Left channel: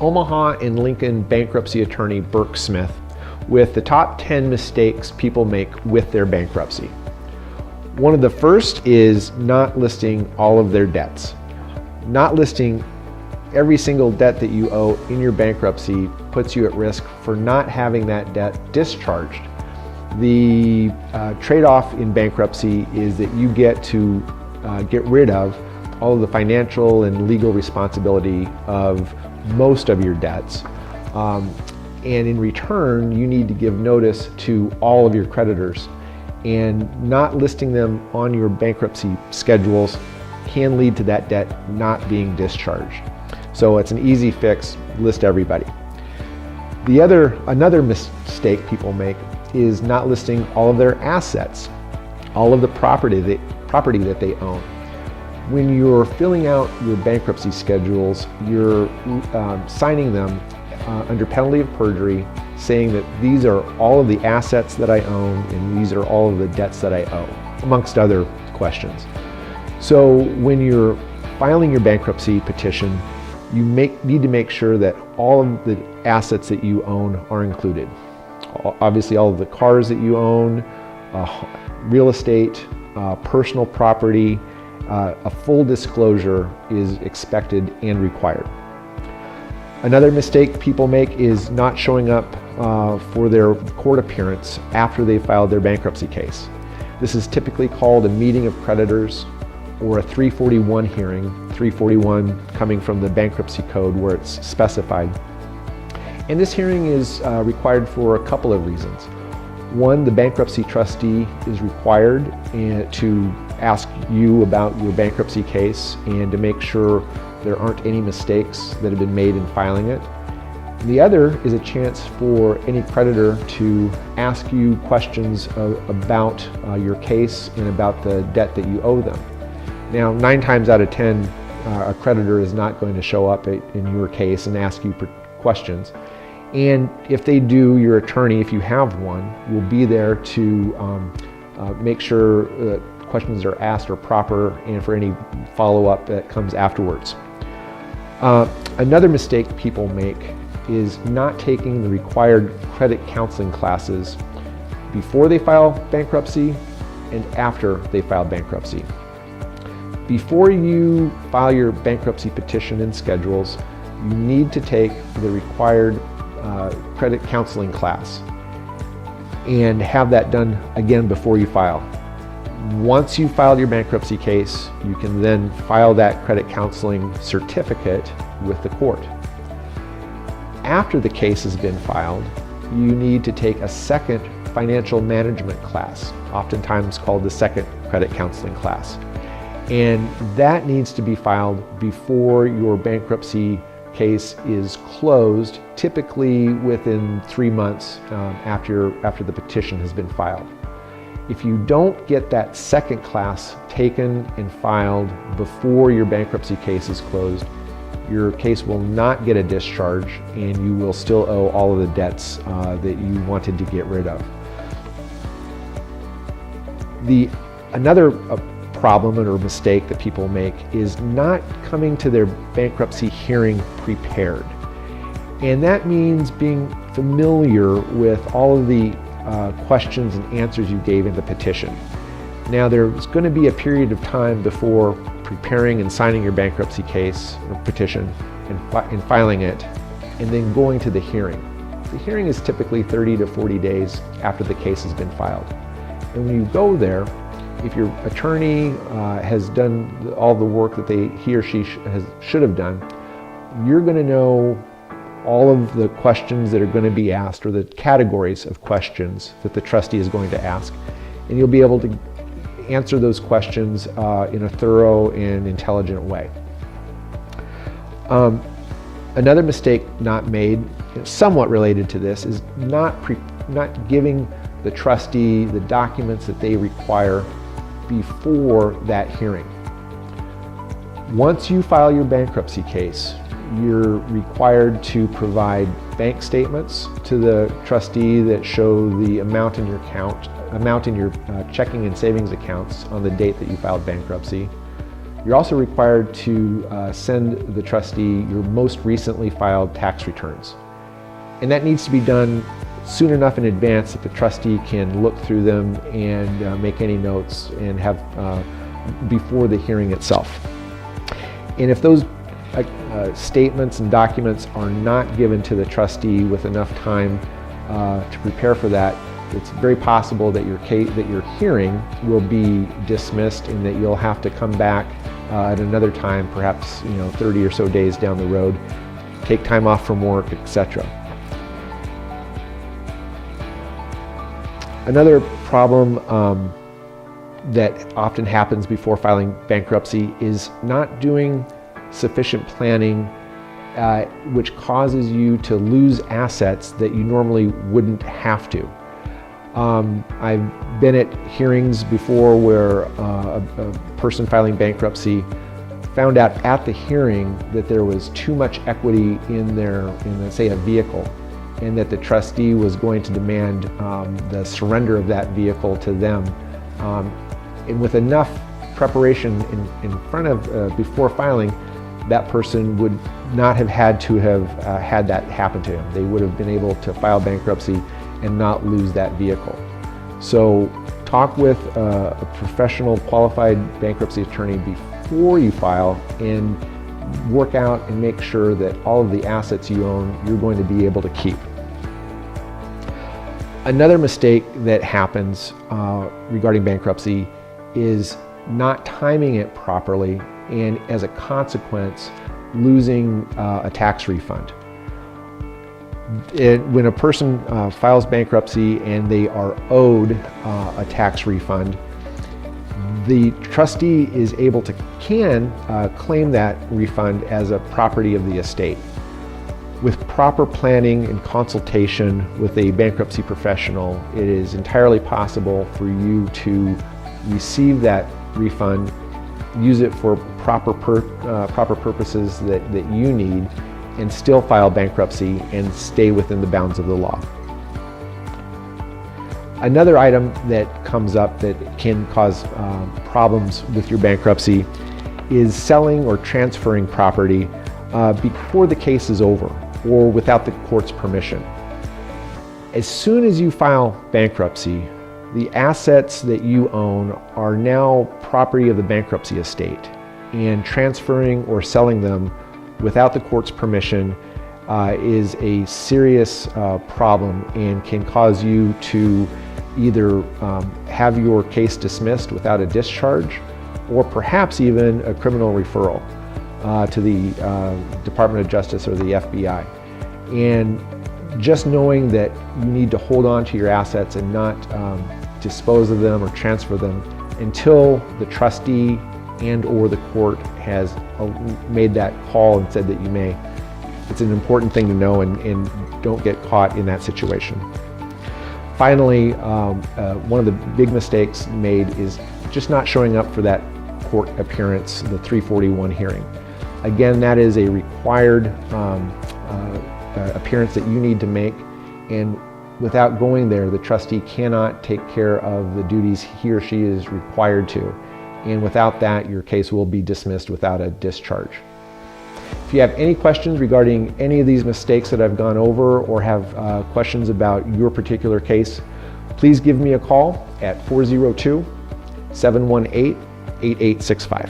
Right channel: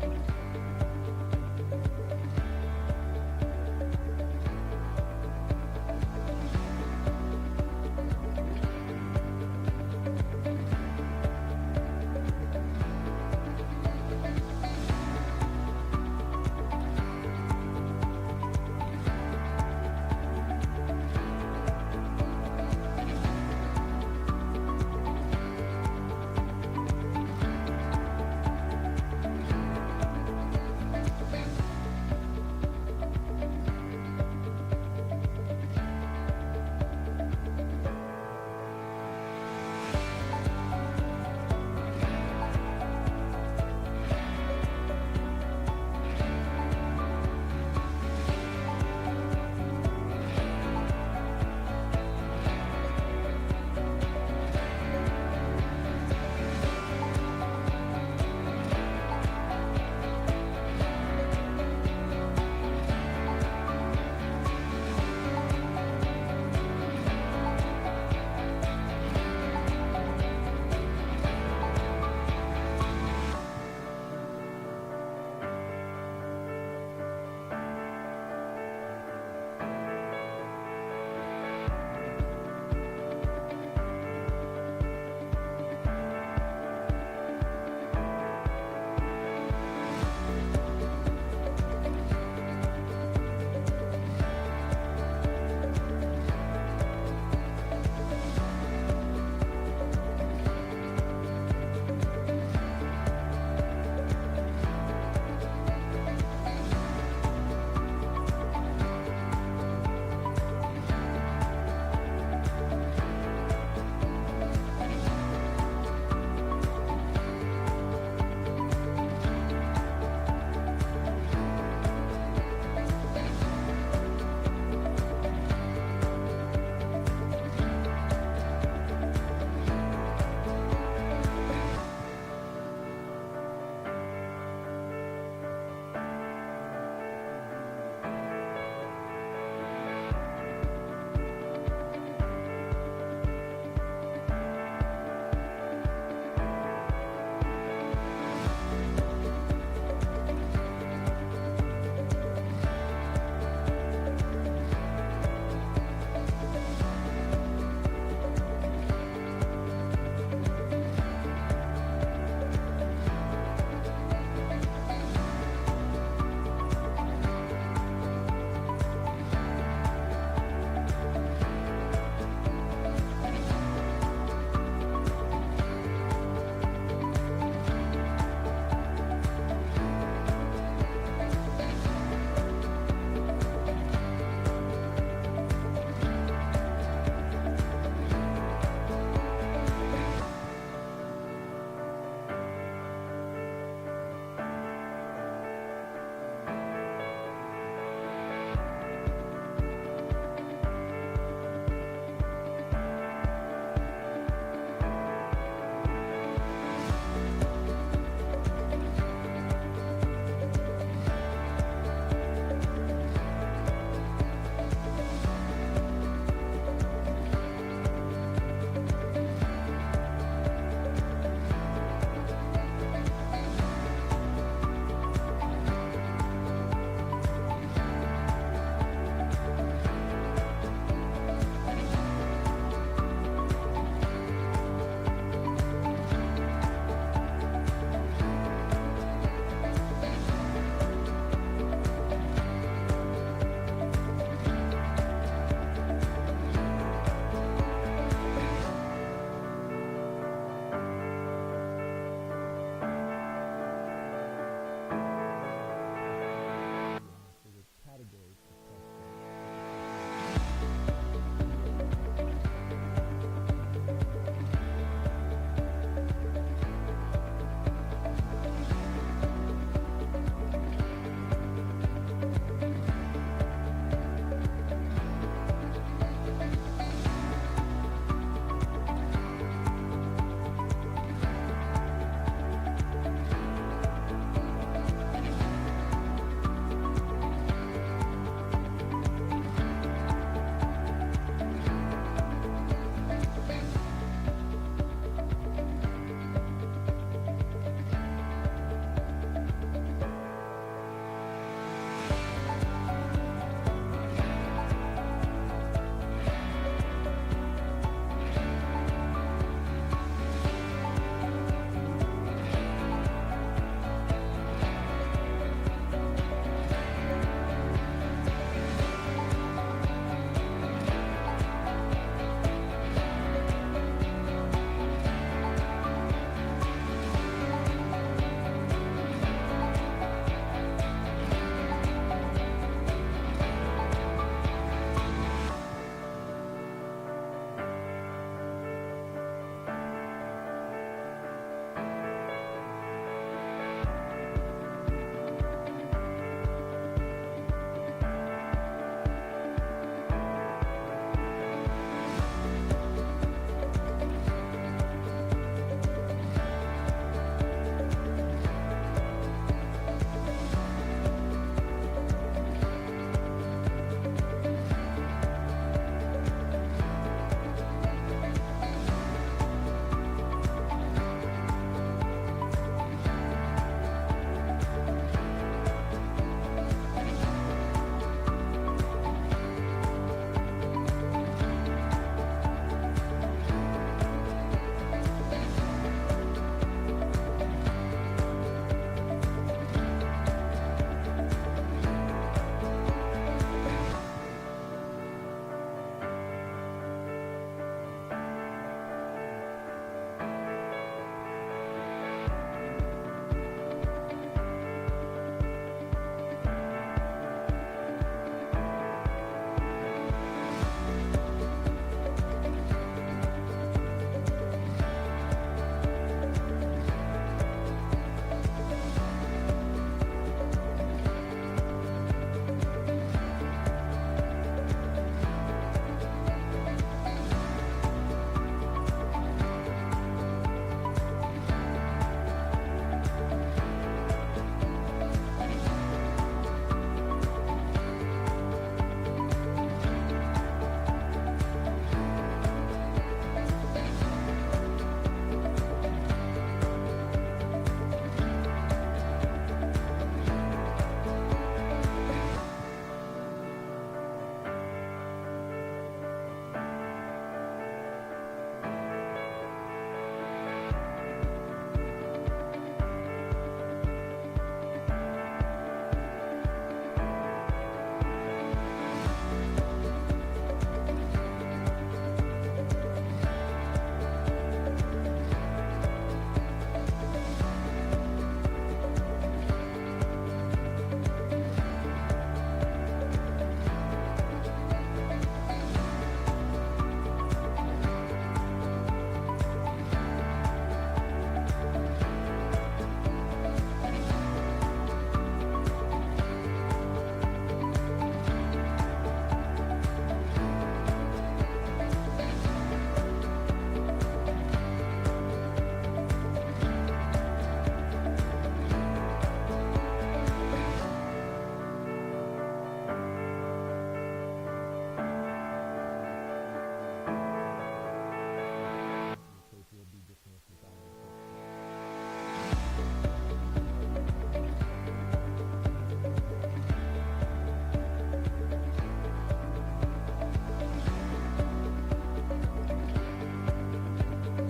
Omaha and Lincoln bankruptcy attorney Burke Smith with the top 10 mistakes people make with their bankruptcy. One of the first is not listing all of their debts. Not listing every single debt that you owe in your bankruptcy puts you at risk for not having that debt discharged. The trade-off in bankruptcy is that you get to get rid of all of the financial and legal responsibility of most of your debts. And in return, you need to give notice to all of your creditors. And not listing them on your bankruptcy schedules can lead to that debt not being discharged. So it's an easy fix, list everybody. Another mistake people make is not listing all of their assets, all of the property that they own. When you're filling out your bankruptcy schedules, you're signing them under penalty of perjury, saying that these are all of the assets that I own and these are all of the debts that I owe, amongst other questions. So when you're filing your bankruptcy petition, you need to make sure that all of the assets that you own are included. Obviously, all of the cars that you own, real estate, personal property, a full disclosure is expected and required. Another mistake people make is not showing up for their court appearance after they filed their bankruptcy case. This is typically called a meeting of creditors or a 341 hearing, 341 coming from the bankruptcy code where it's specified. And this hearing is required for a couple of reasons. One, the bankruptcy trustee is required to ask you about your bankruptcy case and to make sure there aren't any mistakes that have been made in filing it. The other is a chance for any creditor to ask you questions about your case and about the debt that you owe them. Now, 9 times out of 10, a creditor is not going to show up in your case and ask you questions. And if they do, your attorney, if you have one, will be there to make sure that questions that are asked are proper and for any follow-up that comes afterwards. Another mistake people make is not taking the required credit counseling classes before they file bankruptcy and after they file bankruptcy. Before you file your bankruptcy petition and schedules, you need to take the required credit counseling class and have that done again before you file. Once you file your bankruptcy case, you can then file that credit counseling certificate with the court. After the case has been filed, you need to take a second financial management class, oftentimes called the second credit counseling class. And that needs to be filed before your bankruptcy case is closed, typically within 3 months after the petition has been filed. If you don't get that second class taken and filed before your bankruptcy case is closed, your case will not get a discharge and you will still owe all of the debts that you wanted to get rid of. Another problem or mistake that people make is not coming to their bankruptcy hearing prepared. And that means being familiar with all of the questions and answers you gave in the petition. Now, there's going to be a period of time before preparing and signing your bankruptcy case or petition and filing it, and then going to the hearing. The hearing is typically 30 to 40 days after the case has been filed. And when you go there, if your attorney has done all the work that he or she should have done, you're going to know all of the questions that are going to be asked, or the categories of questions that the trustee is going to ask, and you'll be able to answer those questions in a thorough and intelligent way. Another mistake not made, somewhat related to this, is not giving the trustee the documents that they require before that hearing. Once you file your bankruptcy case, you're required to provide bank statements to the trustee that show the amount in your checking and savings accounts on the date that you filed bankruptcy. You're also required to send the trustee your most recently filed tax returns. And that needs to be done soon enough in advance that the trustee can look through them and make any notes and have before the hearing itself. And if those statements and documents are not given to the trustee with enough time to prepare for that, it's very possible that your hearing will be dismissed and that you'll have to come back at another time, perhaps 30 or so days down the road, take time off from work, etc. Another problem that often happens before filing bankruptcy is not doing sufficient planning, which causes you to lose assets that you normally wouldn't have to. I've been at hearings before where a person filing bankruptcy found out at the hearing that there was too much equity in say, a vehicle, and that the trustee was going to demand the surrender of that vehicle to them. And with enough preparation in front of, before filing, that person would not have had to have had that happen to him. They would have been able to file bankruptcy and not lose that vehicle. So talk with a professional qualified bankruptcy attorney before you file and work out and make sure that all of the assets you own you're going to be able to keep. Another mistake that happens regarding bankruptcy is not timing it properly, and as a consequence losing a tax refund. When a person files bankruptcy and they are owed a tax refund, the trustee is able to claim that refund as a property of the estate. With proper planning and consultation with a bankruptcy professional, it is entirely possible for you to receive that refund, use it for proper purposes that you need, and still file bankruptcy and stay within the bounds of the law. Another item that comes up that can cause problems with your bankruptcy is selling or transferring property before the case is over or without the court's permission. As soon as you file bankruptcy, the assets that you own are now property of the bankruptcy estate, and transferring or selling them without the court's permission is a serious problem and can cause you to either have your case dismissed without a discharge, or perhaps even a criminal referral to the Department of Justice or the FBI. And just knowing that you need to hold on to your assets and not dispose of them or transfer them until the trustee and or the court has made that call and said that you may. It's an important thing to know, and don't get caught in that situation. Finally, one of the big mistakes made is just not showing up for that court appearance, the 341 hearing. Again, that is a required appearance that you need to make, and without going there, the trustee cannot take care of the duties he or she is required to. And without that, your case will be dismissed without a discharge. If you have any questions regarding any of these mistakes that I've gone over, or have questions about your particular case, please give me a call at 402-718-8865.